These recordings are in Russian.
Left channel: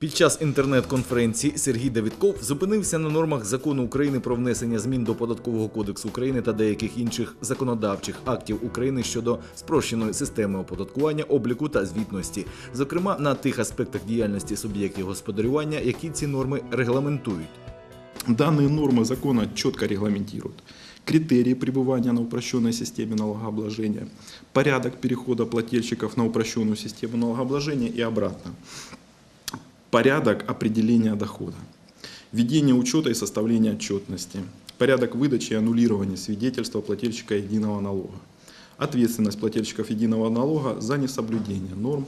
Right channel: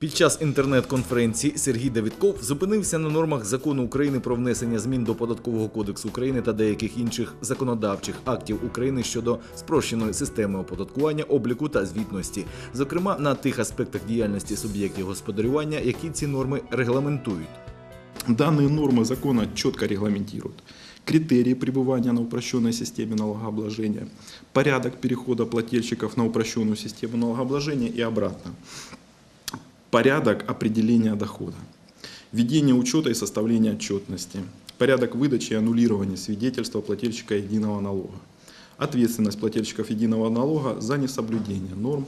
Під час інтернет-конференції Сергій Давідков зупинився на нормах закону України про внесення змін до податкового кодексу України та деяких інших законодавчих актів України щодо спрощеної системи оподаткування, обліку та звітності, зокрема на тих аспектах діяльності суб'єктів господарювання, які ці норми регламентують. Данные нормы закона четко регламентируют критерии пребывания на упрощенной системе налогообложения, порядок перехода плательщиков на упрощенную систему налогообложения и обратно, Порядок определения дохода, ведение учета и составления отчетности, порядок выдачи и аннулирования свидетельства плательщика единого налога, ответственность плательщиков единого налога за несоблюдение норм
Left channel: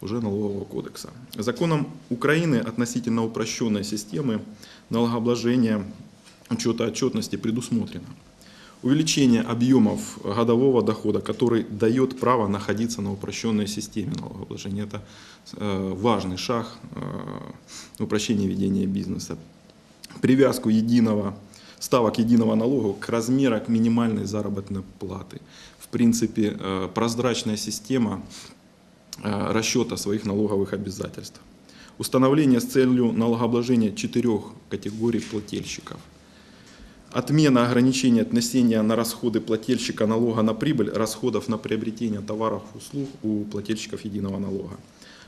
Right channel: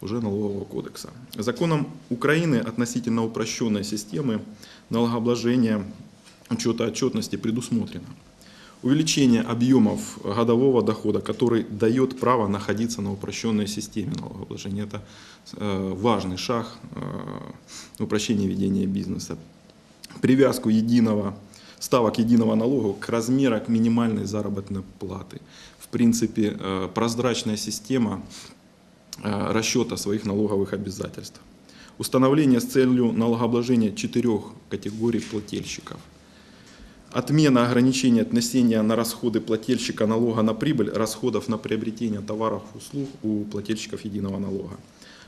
уже налогового кодекса. Законом Украины относительно упрощенной системы налогообложения учета отчетности предусмотрено увеличение объемов годового дохода, который дает право находиться на упрощенной системе налогообложения. Это э, важный шаг э, упрощения ведения бизнеса. Привязку единого ставок единого налога к размеру к минимальной заработной платы. В принципе, э, прозрачная система расчета своих налоговых обязательств. Установление с целью налогообложения четырех категорий плательщиков. Отмена ограничения отнесения на расходы плательщика налога на прибыль, расходов на приобретение товаров и услуг у плательщиков единого налога.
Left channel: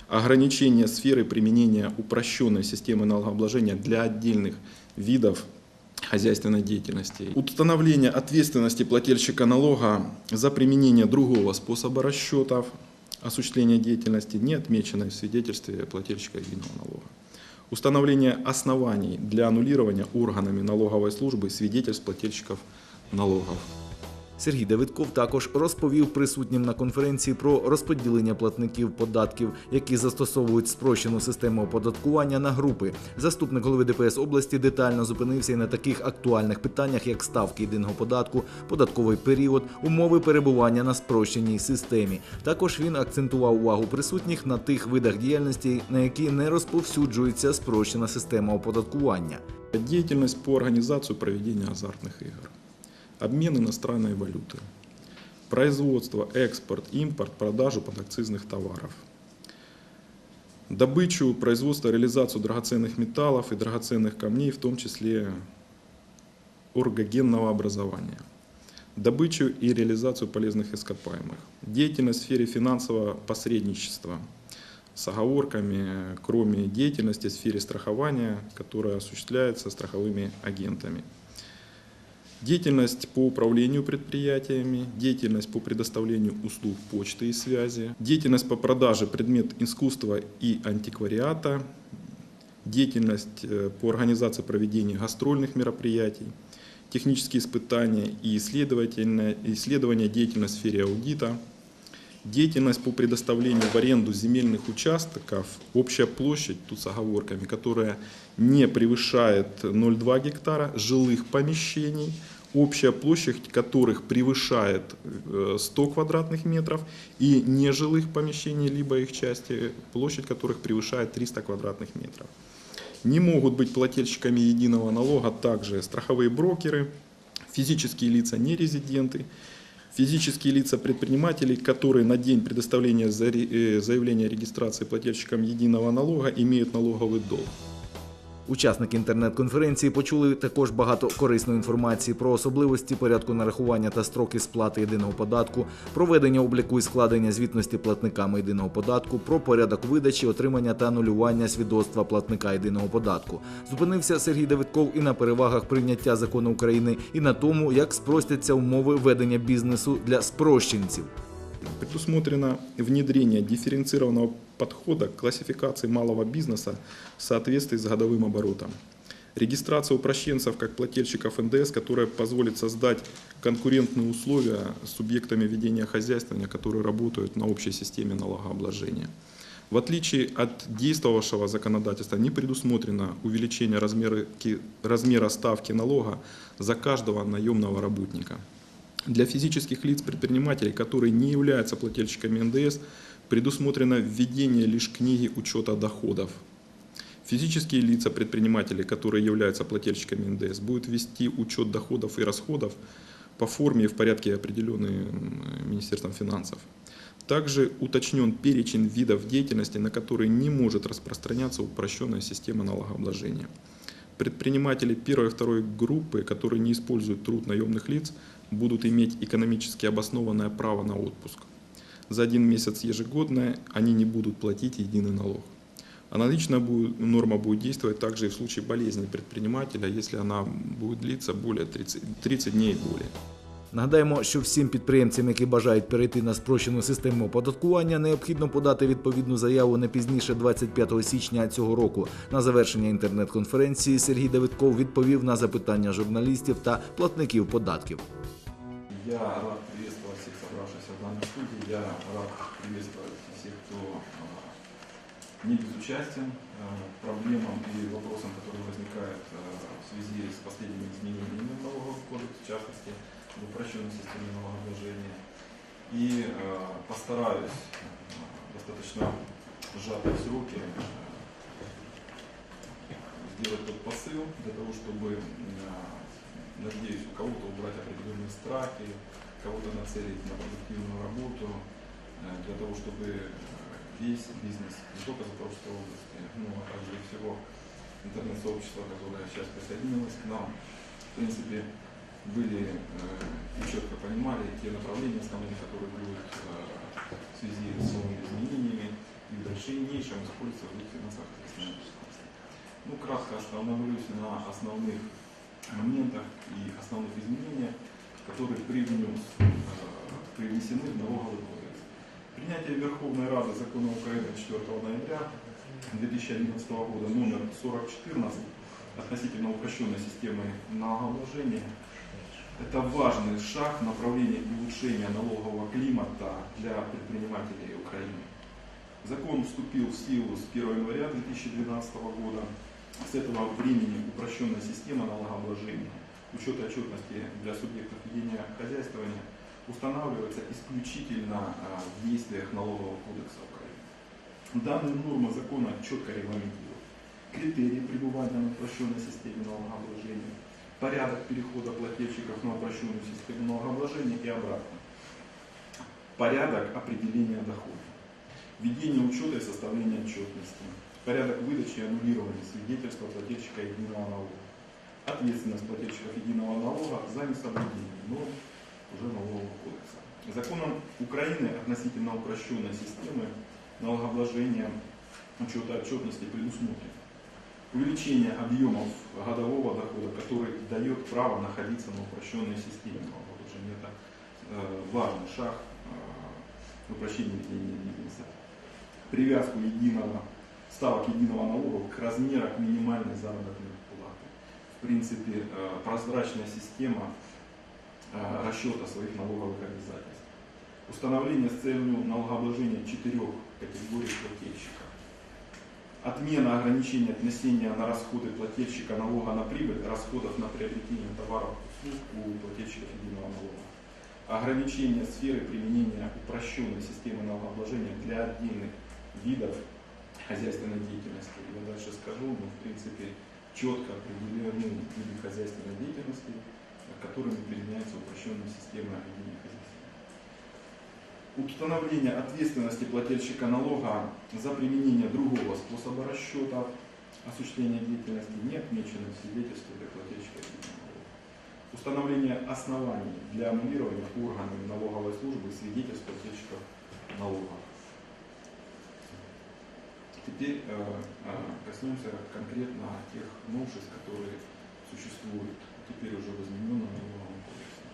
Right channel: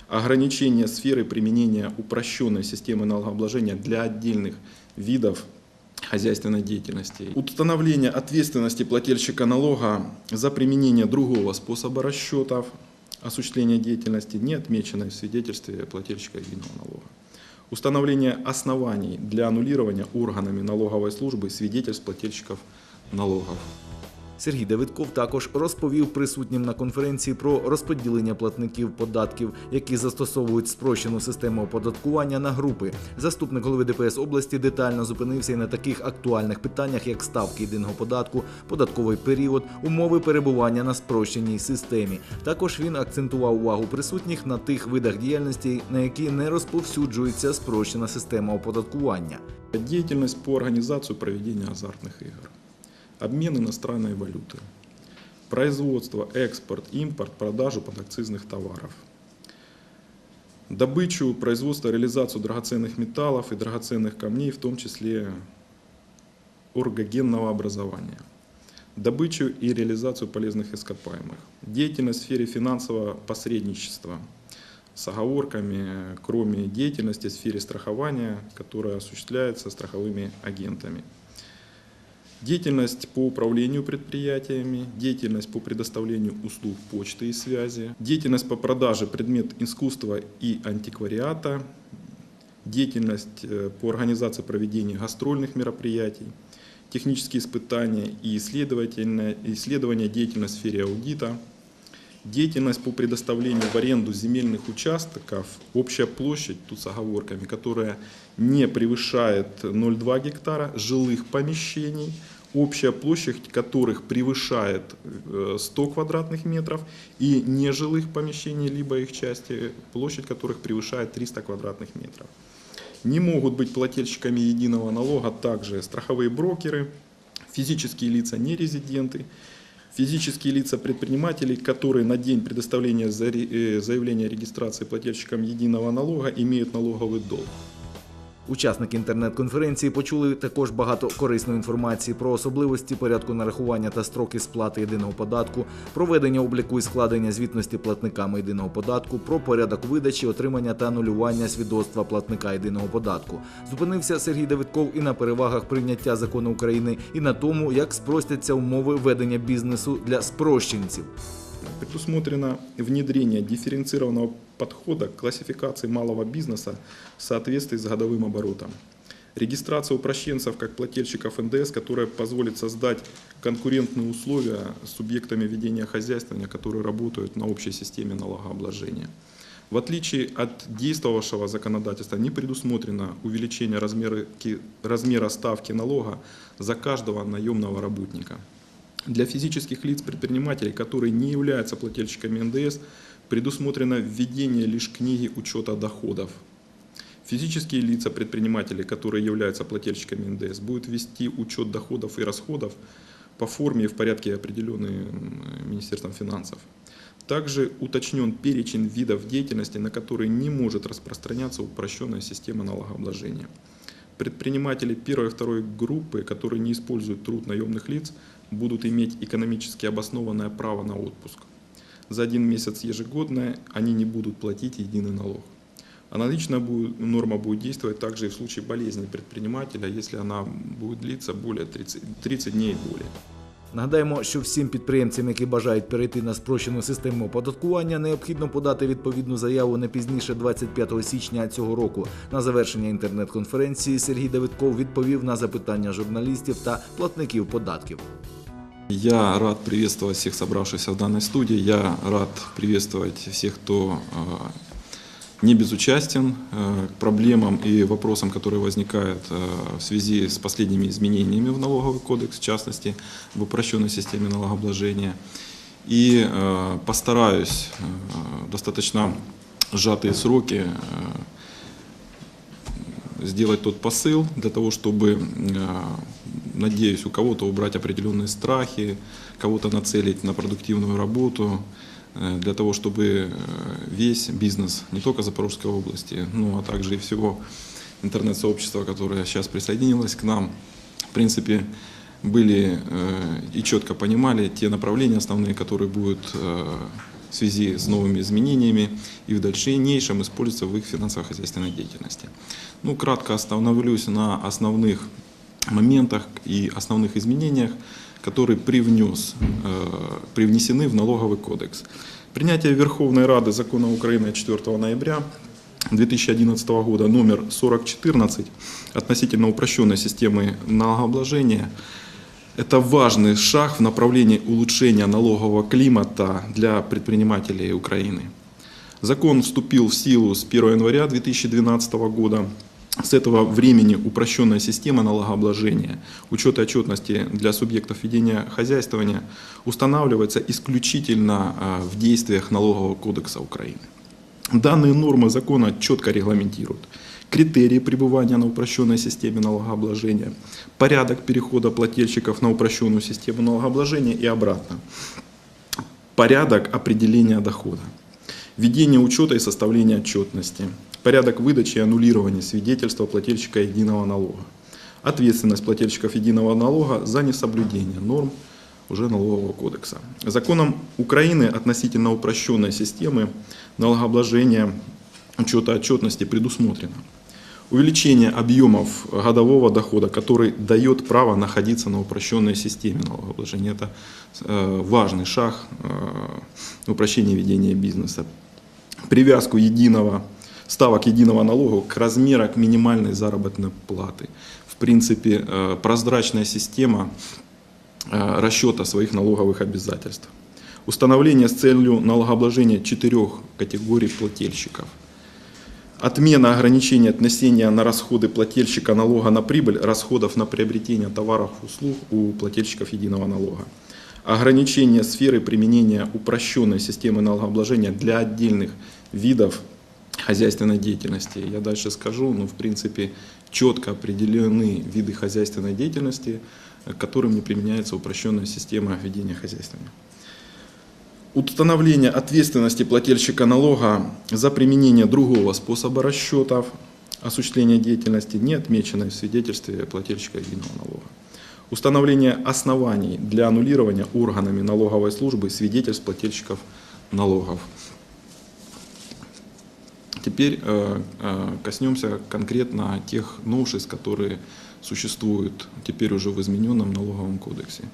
Ограничение сферы применения упрощенной системы налогообложения для отдельных видов хозяйственной деятельности. Установление ответственности плательщика налога за применение другого способа расчетов осуществления деятельности, не отмеченной в свидетельстве плательщика единого налога. Установление оснований для аннулирования органами налоговой службы свидетельств плательщиков налогов. Сергій Давидков також розповів присутнім на конференції про розподілення платників податків, які застосовують спрощену систему оподаткування на групи. Заступник голови ДПС області детально зупинився і на таких актуальних питаннях, як ставки єдиного податку, податковий період, умови перебування на спрощеній системі. Також він акцентував увагу присутніх на тих видах діяльності, на які не розповсюджується спрощена система оподаткування. Деятельность по организации проведения азартных игр. Обмен иностранной валюты. Производство, экспорт, импорт, продажу подакцизных товаров. Добычу, производство, реализацию драгоценных металлов и драгоценных камней, в том числе оргогенного образования. Добычу и реализацию полезных ископаемых. Деятельность в сфере финансового посредничества с оговорками, кроме деятельности в сфере страхования, которая осуществляется страховыми агентами. Деятельность по управлению предприятиями, деятельность по предоставлению услуг почты и связи, деятельность по продаже предмет искусства и антиквариата, деятельность э, по организации проведения гастрольных мероприятий, технические испытания и исследовательная- исследования деятельность в сфере аудита, деятельность по предоставлению в аренду земельных участков, общая площадь, тут с оговорками, которая не превышает 0,2 гектара, жилых помещений, общая площадь которых превышает э, 100 квадратных метров, и нежилых помещений, либо их части, площадь которых превышает 300 квадратных метров. Не могут быть плательщиками единого налога также страховые брокеры, физические лица нерезиденты, физические лица предпринимателей, которые на день предоставления э, заявления о регистрации плательщикам единого налога имеют налоговый долг. Учасники інтернет-конференції почули також багато корисної інформації про особливості порядку нарахування та строки сплати єдиного податку, проведення обліку і складення звітності платниками єдиного податку, про порядок видачі, отримання та анулювання свідоцтва платника єдиного податку. Зупинився Сергій Давидков і на перевагах прийняття закону України, і на тому, як спростяться умови ведення бізнесу для спрощенців. Предусмотрено внедрение дифференцированного подхода к классификации малого бизнеса в соответствии с годовым оборотом. Регистрация упрощенцев как плательщиков НДС, которая позволит создать конкурентные условия с субъектами ведения хозяйствования, которые работают на общей системе налогообложения. В отличие от действовавшего законодательства, не предусмотрено увеличение размера, размера ставки налога за каждого наемного работника. Для физических лиц предпринимателей, которые не являются плательщиками НДС, предусмотрено введение лишь книги учета доходов. Физические лица предпринимателей, которые являются плательщиками НДС, будут вести учет доходов и расходов по форме и в порядке, определенные Министерством финансов. Также уточнен перечень видов деятельности, на которые не может распространяться упрощенная система налогообложения. Предприниматели первой и второй группы, которые не используют труд наемных лиц, будут иметь экономически обоснованное право на отпуск. За один месяц ежегодно они не будут платить единый налог. Аналогичная норма будет действовать также и в случае болезни предпринимателя, если она будет длиться более 30, 30 дней и более. Нагадаємо, що всім підприємцям, які бажають перейти на спрощену систему оподаткування, необхідно подати відповідну заяву не пізніше 25 січня цього року. На завершення інтернет-конференції Сергій Давидков відповів на запитання журналістів та платників податків. Я рад приветствовать всех собравшихся в данной студии. Я рад приветствовать всех, кто э, не безучастен э, к проблемам и вопросам, которые возникают э, в связи с последними изменениями в налоговый кодекс, в частности, в упрощенной системе налогообложения. И постараюсь достаточно сжатые сроки сделать тот посыл для того, чтобы, э, надеюсь, у кого-то убрать определенные страхи, кого-то нацелить на продуктивную работу, э, для того, чтобы э, весь бизнес, не только Запорожской области, но а также и всего интернет-сообщества, которое сейчас присоединилось к нам, в принципе, были э, и четко понимали те направления основные, которые будут э, в связи с новыми изменениями и в дальнейшем использоваться в их финансово-хозяйственной деятельности. Ну, кратко остановлюсь на основных моментах и основных изменениях, которые привнес, э, привнесены в налоговый кодекс. Принятие Верховной Рады закона Украины 4 ноября 2011 года номер 4014 относительно упрощенной системы налогообложения это важный шаг в направлении улучшения налогового климата для предпринимателей Украины. Закон вступил в силу с 1 января 2012 года. С этого времени упрощенная система налогообложения, учета и отчетности для субъектов ведения хозяйствования устанавливается исключительно а, в действиях Налогового кодекса Украины. Данные нормы закона четко регламентируют критерии пребывания на упрощенной системе налогообложения, порядок перехода плательщиков на упрощенную систему налогообложения и обратно, порядок определения дохода, ведение учета и составления отчетности, порядок выдачи и аннулирования свидетельства плательщика единого налога, ответственность плательщиков единого налога за несоблюдение норм уже налогового кодекса. Законом Украины относительно упрощенной системы налогообложения учета отчетности предусмотрено увеличение объемов годового дохода, который дает право находиться на упрощенной системе налогообложения. Это э, важный шаг э, в упрощении ведения бизнеса. Привязку единого ставок единого налога к размеру к минимальной заработной платы. В принципе, э, прозрачная система расчета своих налоговых обязательств. Установление с целью налогообложения четырех категорий плательщиков. Отмена ограничения отнесения на расходы плательщика налога на прибыль, расходов на приобретение товаров и услуг у плательщиков единого налога. Ограничение сферы применения упрощенной системы налогообложения для отдельных видов хозяйственной деятельности. Я дальше скажу, но в принципе четко определены виды хозяйственной деятельности, которым не применяется упрощенная система ведения хозяйства. Установление ответственности плательщика налога за применение другого способа расчетов осуществления деятельности, не отмеченной в свидетельстве плательщика единого налога. Установление оснований для аннулирования органами налоговой службы свидетельств плательщиков налогов. Теперь э, э, коснемся конкретно тех новшеств, которые существуют теперь уже в измененном налоговом кодексе.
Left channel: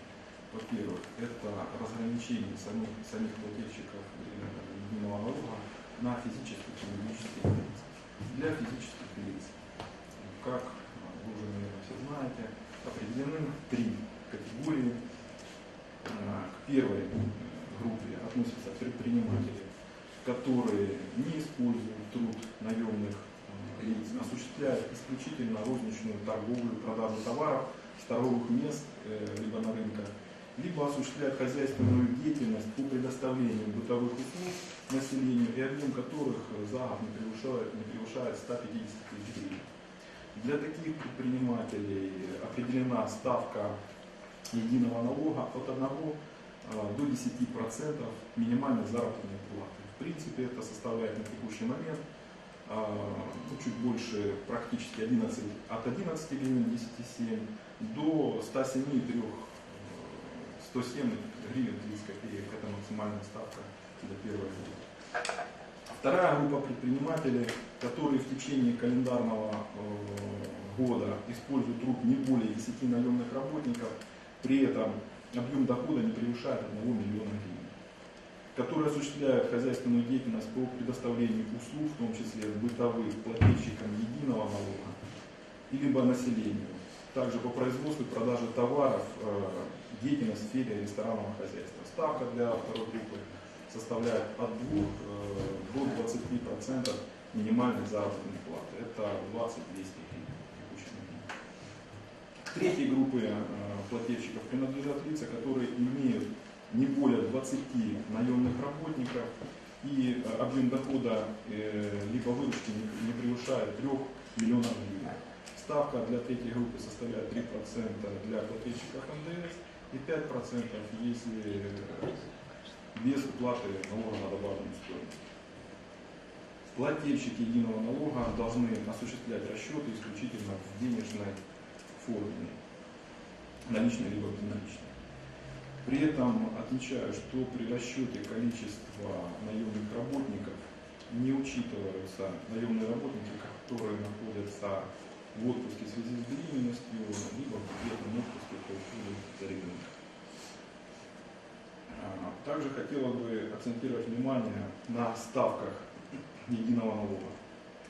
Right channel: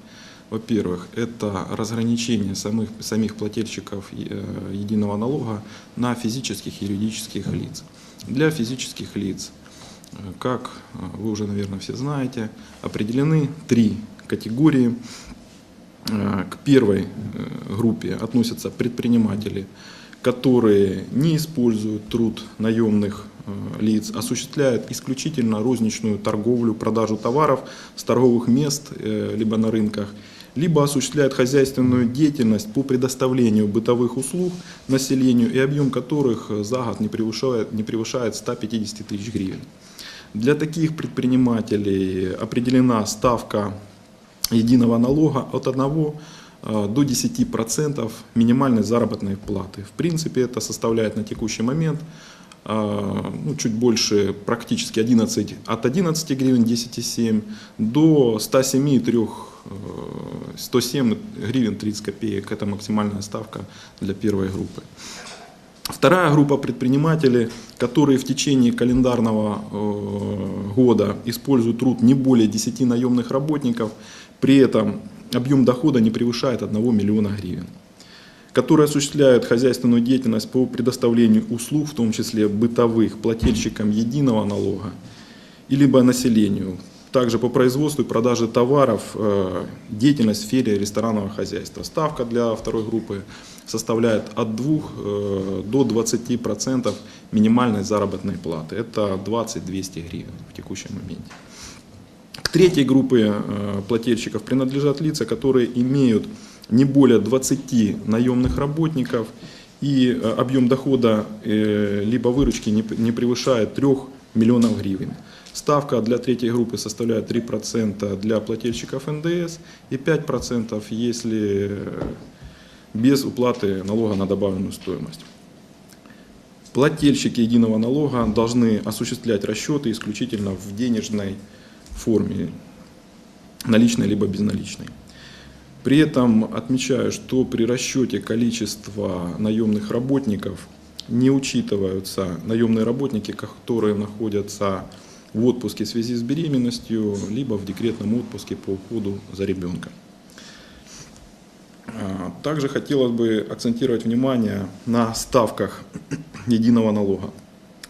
Во-первых, это разграничение самих, самих плательщиков э, единого налога на физических и юридических лиц. Для физических лиц, э, как э, вы уже, наверное, все знаете, определены три категории. К первой группе относятся предприниматели, которые не используют труд наемных лиц, осуществляют исключительно розничную торговлю, продажу товаров с торговых мест, либо на рынках, либо осуществляют хозяйственную деятельность по предоставлению бытовых услуг населению, и объем которых э, за год не превышает, не превышает 150 тысяч гривен. Для таких предпринимателей определена ставка единого налога от 1 э, до 10% минимальной заработной платы. В принципе, это составляет на текущий момент э, ну, чуть больше, практически 11, от 11 гривен 10,7 до 107,3 э, 107 гривен 30 копеек. Это максимальная ставка для первой группы. Вторая группа предпринимателей, которые в течение календарного э, года используют труд не более 10 наемных работников, при этом объем дохода не превышает 1 миллиона гривен, которые осуществляют хозяйственную деятельность по предоставлению услуг, в том числе бытовых, плательщикам единого налога, либо населению, также по производству и продаже товаров, э, деятельность в сфере ресторанного хозяйства. Ставка для второй группы составляет от 2 э, до 20% минимальной заработной платы. Это 20-200 гривен в текущем моменте. К третьей группе э, плательщиков принадлежат лица, которые имеют не более 20 наемных работников и объем дохода либо выручки не превышает 3 миллионов гривен. Ставка для третьей группы составляет 3% для плательщиков НДС и 5% если без уплаты налога на добавленную стоимость. Плательщики единого налога должны осуществлять расчеты исключительно в денежной форме, наличной либо безналичной. При этом отмечаю, что при расчете количества наемных работников не учитываются наемные работники, которые находятся в отпуске в связи с беременностью, либо в декретном отпуске по уходу за ребенком. А, Также хотелось бы акцентировать внимание на ставках единого налога.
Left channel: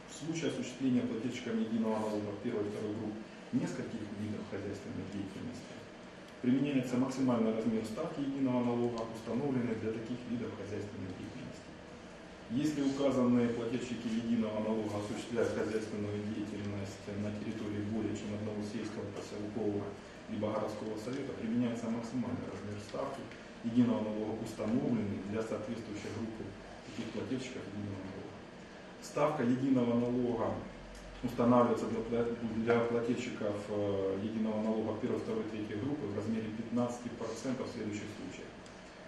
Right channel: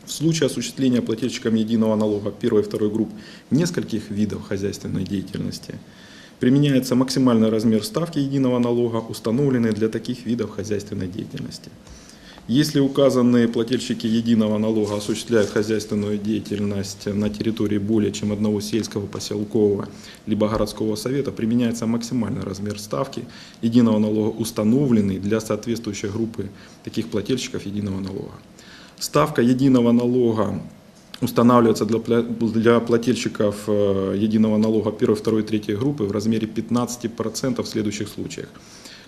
В случае осуществления плательщиком единого налога первой и второй групп нескольких видов хозяйственной деятельности применяется максимальный размер ставки единого налога, установленный для таких видов хозяйственной деятельности. Если указанные плательщики единого налога осуществляют хозяйственную деятельность на территории более чем одного сельского, поселкового либо городского совета, применяется максимальный размер ставки единого налога, установленный для соответствующей группы таких плательщиков единого налога. Ставка единого налога устанавливается для, плательщиков э, единого налога первой, второй, третьей группы в размере 15% в следующих случаях.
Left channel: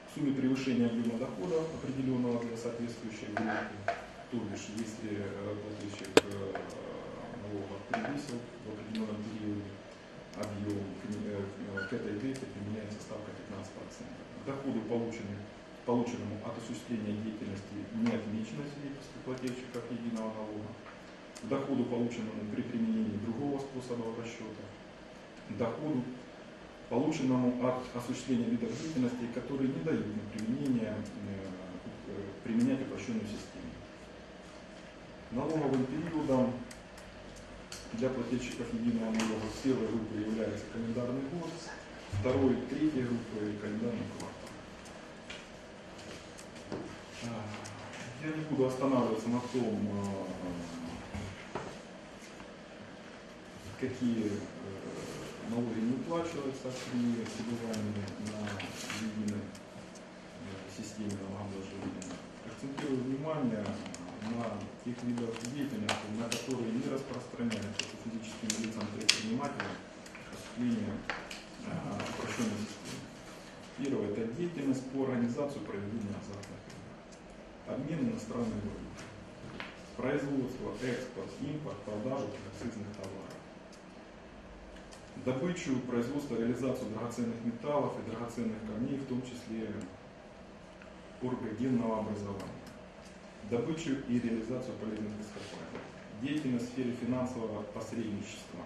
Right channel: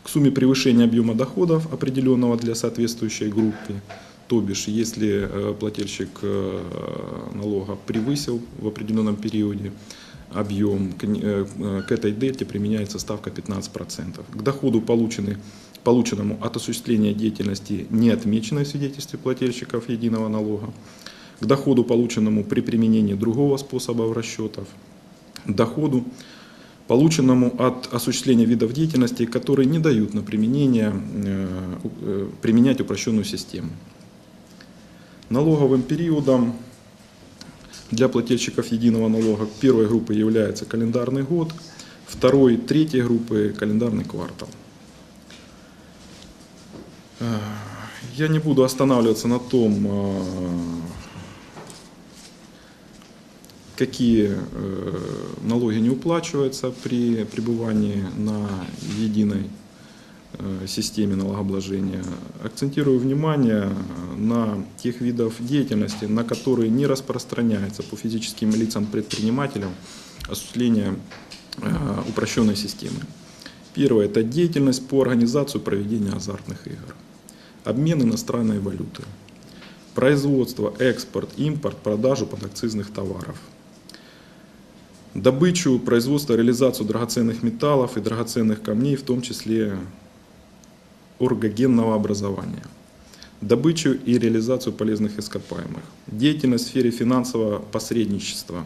К сумме превышения объема доходов, определенного для соответствующей группы, то бишь, если э, плательщик э, налога превысил в определенном периоде объем, к э, этой дельте применяется ставка 15%. К доходу, полученному от осуществления деятельности, не отмеченной в свидетельстве плательщиков единого налога, к доходу, полученному при применении другого способа расчетов, доходу, полученному от осуществления видов деятельности, которые не дают на применение, э, э, применять упрощенную систему. Налоговым периодом для плательщиков единого налога первой группы является календарный год, второй, третьей группы календарный квартал. Э, Я не буду останавливаться на том, какие э, налоги не уплачиваются при пребывании на единой э, системе налогообложения. Акцентирую внимание на тех видов деятельности, на которые не распространяется по физическим лицам предпринимателям осуществление э, упрощенной системы. Первое – это деятельность по организации проведения азартных игр, обмен иностранной валюты, производство, экспорт, импорт, продажу подакцизных товаров, добычу, производство, реализацию драгоценных металлов и драгоценных камней, в том числе оргогенного образования, добычу и реализацию полезных ископаемых, деятельность в сфере финансового посредничества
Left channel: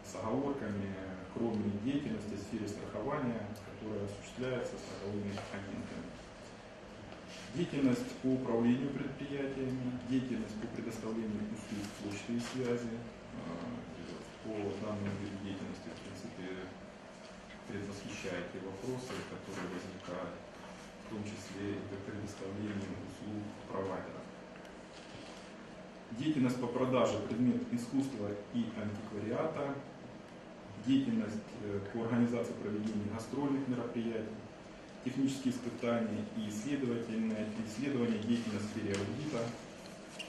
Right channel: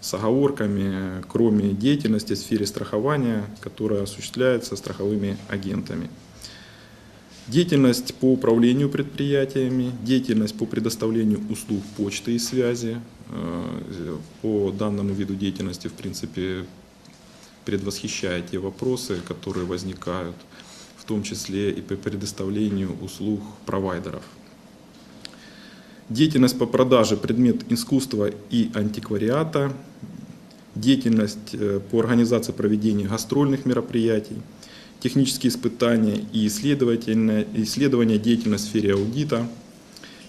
с оговорками, кроме деятельности в сфере страхования, которая осуществляется страховыми агентами. Деятельность по управлению предприятиями, деятельность по предоставлению услуг почты и связи. Э, По данному виду деятельности, в принципе, предвосхищая те вопросы, которые возникают, в том числе и по предоставлению услуг провайдеров. Деятельность по продаже предмет искусства и антиквариата, деятельность э, по организации проведения гастрольных мероприятий, технические испытания и исследовательная- исследования деятельности в сфере аудита,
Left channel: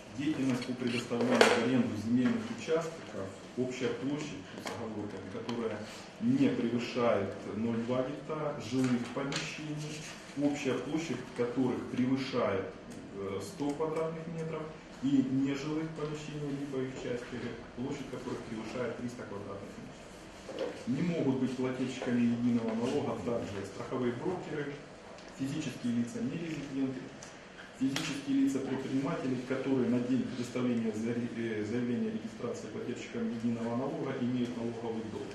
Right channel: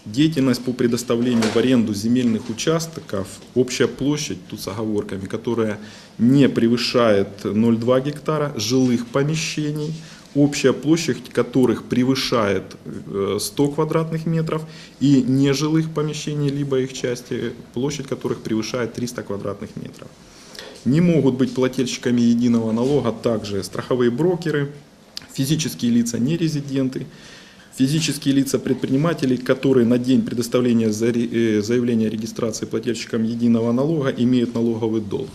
Деятельность по предоставлению в аренду земельных участков, общая площадь, тут с оговорками, которая не превышает 0,2 гектара жилых помещений, общая площадь которых превышает э, 100 квадратных метров, и нежилых помещений, либо их части, площадь которых превышает 300 квадратных метров. Не могут быть плательщиками единого налога также страховые брокеры, физические лица нерезиденты, физические лица предпринимателей, которые на день предоставления э, заявления о регистрации плательщикам единого налога имеют налоговый долг.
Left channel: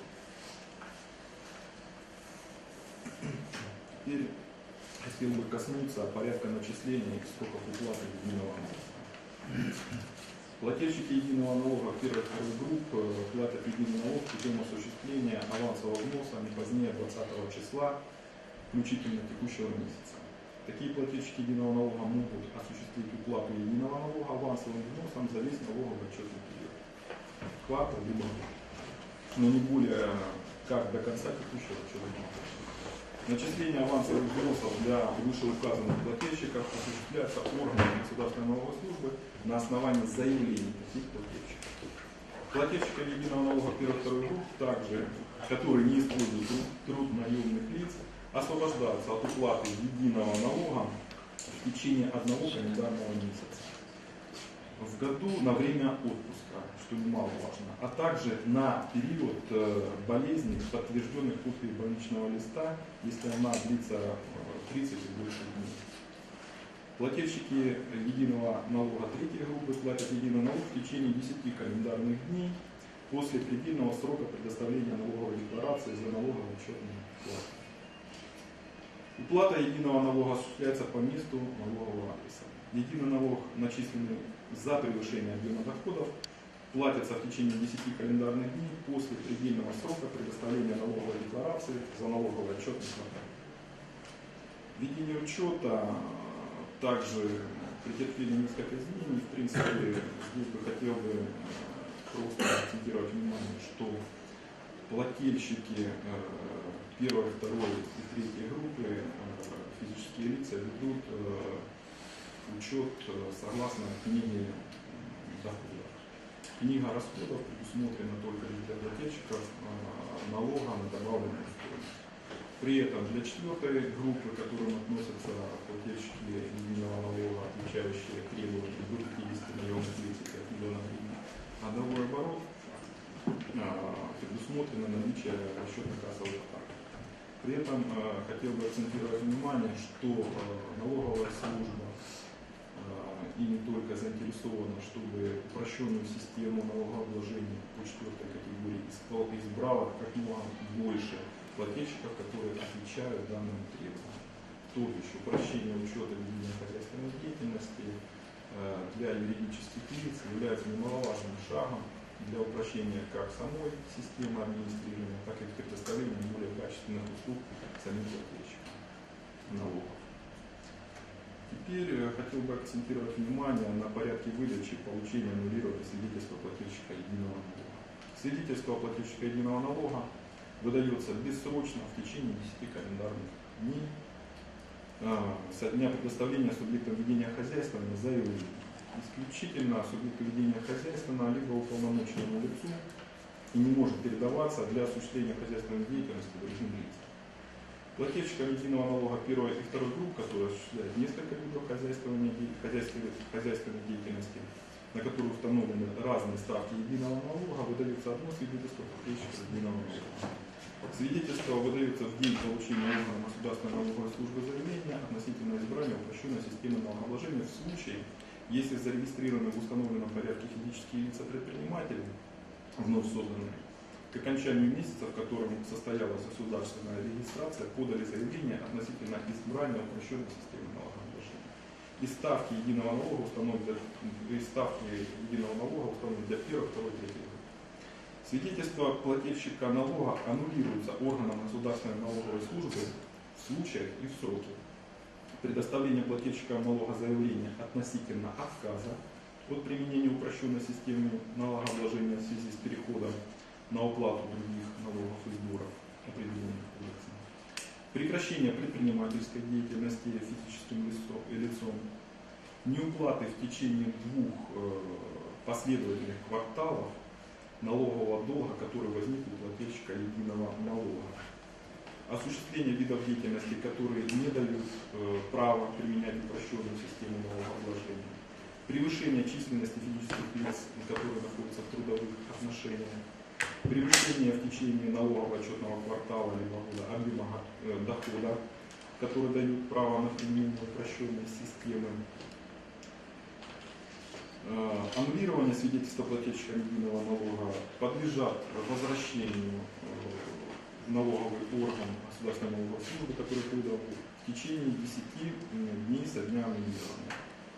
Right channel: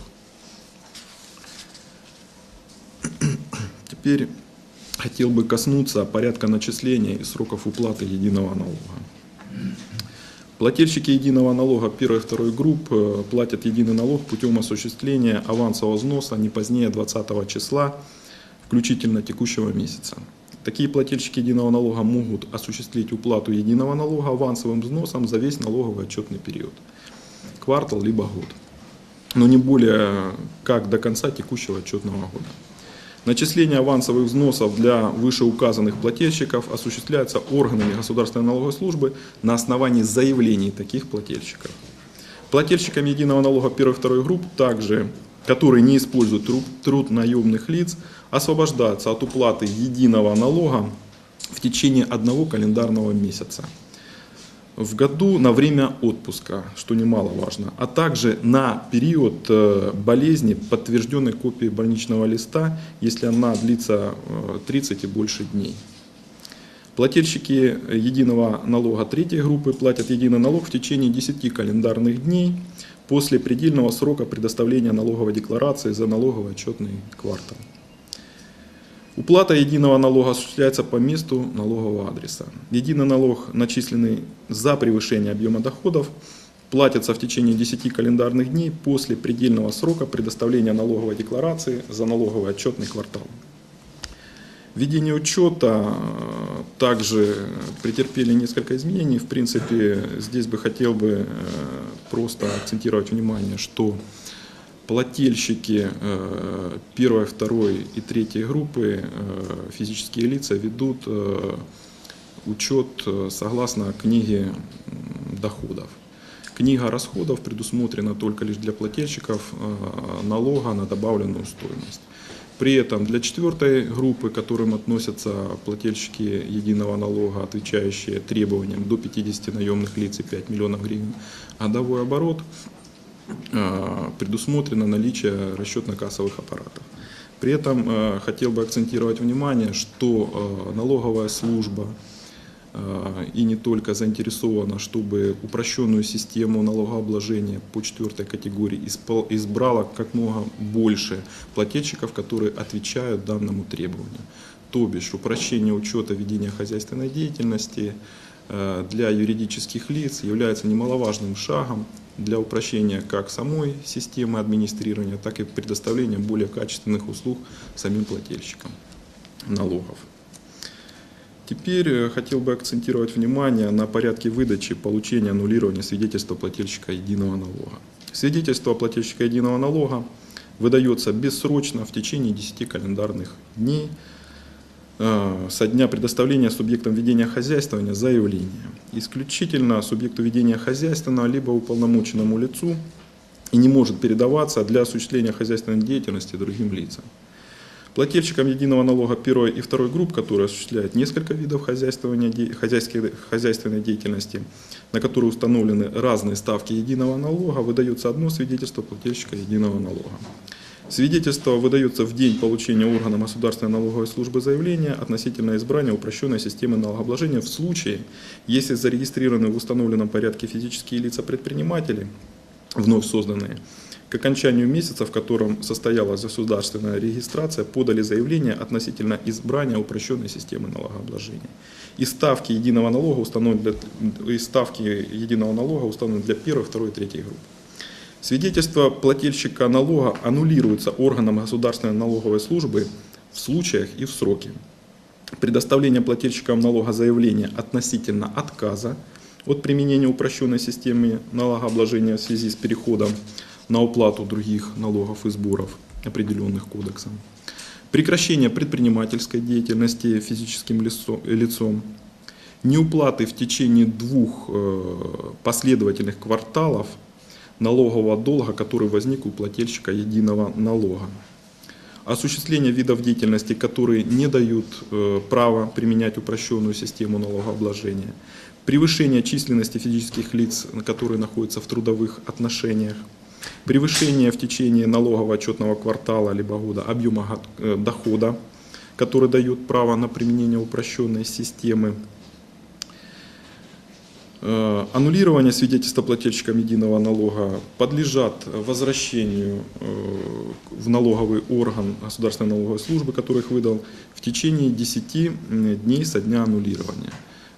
Теперь хотел бы коснуться порядка начисления и сроков уплаты единого налога. Плательщики единого налога первой и второй групп э, платят единый налог путем осуществления авансового взноса не позднее 20 числа, включительно текущего месяца. Такие плательщики единого налога могут осуществить уплату единого налога авансовым взносом за весь налоговый отчетный период, квартал либо год, но не более как до конца текущего отчетного года. Начисление авансовых взносов для вышеуказанных плательщиков осуществляется органами государственной налоговой службы на основании заявлений таких плательщиков. Плательщикам единого налога первой и второй групп также, которые не используют труд, труд наемных лиц, освобождаются от уплаты единого налога в течение одного календарного месяца в году на время отпуска, что немаловажно, а также на период э, болезни подтвержденной копии больничного листа, если она длится э, 30 и больше дней. Плательщики единого налога третьей группы платят единый налог в течение 10 календарных дней после предельного срока предоставления налоговой декларации за налоговый отчетный квартал. Уплата единого налога осуществляется по месту налогового адреса. Единый налог, начисленный за превышение объема доходов, платится в течение 10 календарных дней после предельного срока предоставления налоговой декларации за налоговый отчетный квартал. Введение учета э, также претерпели несколько изменений. В принципе, здесь бы хотел бы э, просто акцентировать внимание, что плательщики э, первой, второй и третьей группы, э, физические лица, ведут э, учет согласно книге доходов. Книга расходов предусмотрена только лишь для плательщиков налога на добавленную стоимость. При этом для четвертой группы, к которым относятся плательщики единого налога, отвечающие требованиям до 50 наемных лиц и 5 миллионов гривен годовой оборот, предусмотрено наличие расчетно-кассовых аппаратов. При этом э, хотел бы акцентировать внимание, что э, налоговая служба и не только заинтересована, чтобы упрощенную систему налогообложения по четвертой категории избрала как много больше плательщиков, которые отвечают данному требованию. То бишь упрощение учета ведения хозяйственной деятельности для юридических лиц является немаловажным шагом для упрощения как самой системы администрирования, так и предоставления более качественных услуг самим плательщикам налогов. Теперь э, хотел бы акцентировать внимание на порядке выдачи, получения, аннулирования свидетельства плательщика единого налога. Свидетельство плательщика единого налога выдается бессрочно в течение 10 календарных дней со дня предоставления субъектом ведения хозяйствования заявления. Исключительно субъекту ведения хозяйственного либо уполномоченному лицу и не может передаваться для осуществления хозяйственной деятельности другим лицам. Плательщикам единого налога первой и второй групп, которые осуществляют несколько видов хозяйствования, хозяйственной деятельности, на которые установлены разные ставки единого налога, выдается одно свидетельство плательщика единого налога. Свидетельство выдается в день получения органом государственной налоговой службы заявления относительно избрания упрощенной системы налогообложения в случае, если зарегистрированы в установленном порядке физические лица-предприниматели, вновь созданные, к окончанию месяца, в котором состоялась государственная регистрация, подали заявление относительно избрания упрощенной системы налогообложения. И ставки единого налога установлены для, и ставки единого налога установлены для первой, второй и третьей групп. Свидетельство плательщика налога аннулируется органом государственной налоговой службы в случаях и в сроки. Предоставление плательщикам налога заявления относительно отказа от применения упрощенной системы налогообложения в связи с переходом на уплату других налогов и сборов, определенных кодексом. Прекращение предпринимательской деятельности физическим лицо- лицом. неуплаты в течение двух э, последовательных кварталов налогового долга, который возник у плательщика единого налога. Осуществление видов деятельности, которые не дают э, права применять упрощенную систему налогообложения. Превышение численности физических лиц, которые находятся в трудовых отношениях. Превышение в течение налогового отчетного квартала либо года объема э, дохода, который дает право на применение упрощенной системы. Э, Аннулирование свидетельства плательщикам единого налога подлежат возвращению э, в налоговый орган Государственной налоговой службы, который их выдал, в течение 10 дней со дня аннулирования.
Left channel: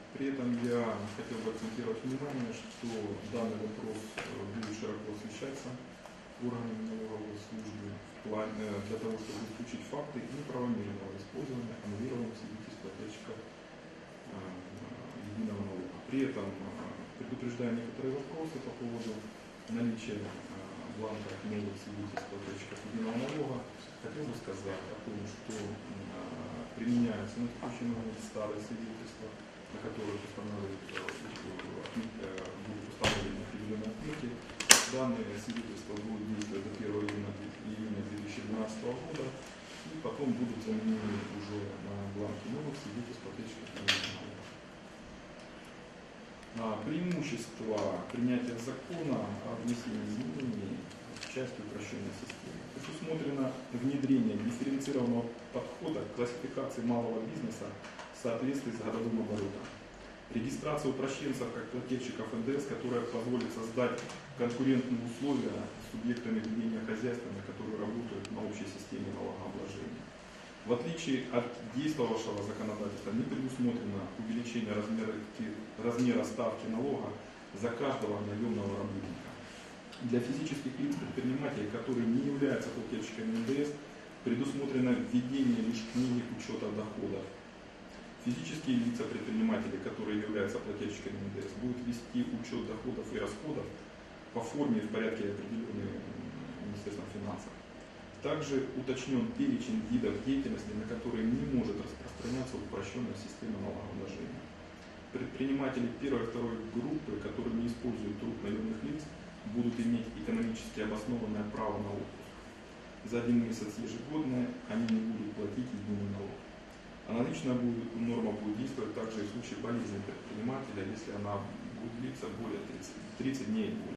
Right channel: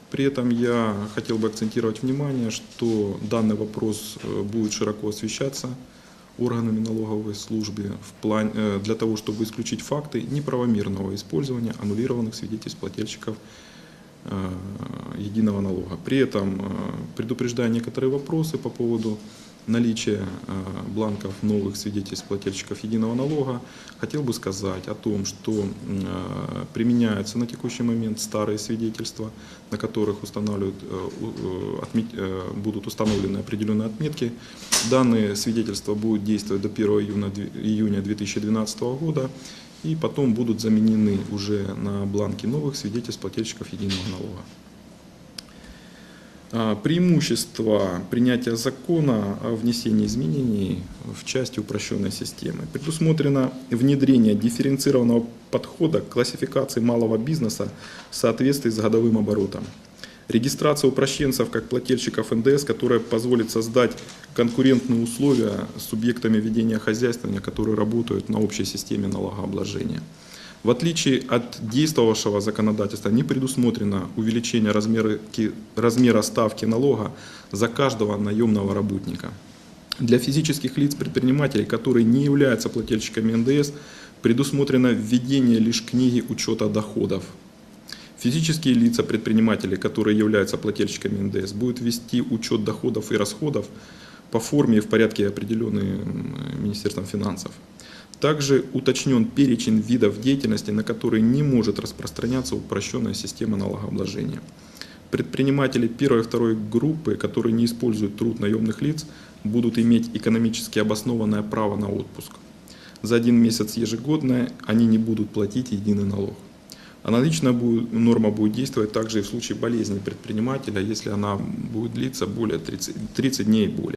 При этом я хотел бы акцентировать внимание, что данный вопрос э, будет широко освещаться органами налоговой службы в плане, для того, чтобы исключить факты неправомерного использования аннулированных свидетельств плательщиков единого налога. При этом э, предупреждая некоторые вопросы по поводу наличия э, бланков новых свидетельств плательщиков единого налога, хотел бы сказать о том, что э, применяются на текущий момент старые свидетельства, на которых устанавливают, э, э, э, будут установлены определенные отметки. Данные свидетельства будут действовать до 1 июня две- июня 2012 года и потом будут заменены уже на бланки новых свидетельств плательщиков единого налога. А, Преимущество принятия закона о внесении изменений в части упрощенной системы. Предусмотрено внедрение дифференцированного подхода к классификации малого бизнеса в соответствии с годовым оборотом. Регистрация упрощенцев как плательщиков НДС, которая позволит создать конкурентные условия с субъектами ведения хозяйствования, которые работают на общей системе налогообложения. В отличие от действовавшего законодательства, не предусмотрено увеличение размера, размера ставки налога за каждого наемного работника. Для физических лиц предпринимателей, которые не являются плательщиками НДС, предусмотрено введение лишь книги учета доходов. Физические лица предприниматели, которые являются плательщиками НДС, будут вести учет доходов и расходов по форме и в порядке, определенный м, Министерством финансов. Также уточнен перечень видов деятельности, на которые не может распространяться упрощенная система налогообложения. Предприниматели первой и второй группы, которые не используют труд наемных лиц, будут иметь экономически обоснованное право на отпуск. За один месяц ежегодно они не будут платить единый налог. Аналогичная будет- норма будет действовать также и в случае болезни предпринимателя, если она будет длиться более 30, 30 дней и более.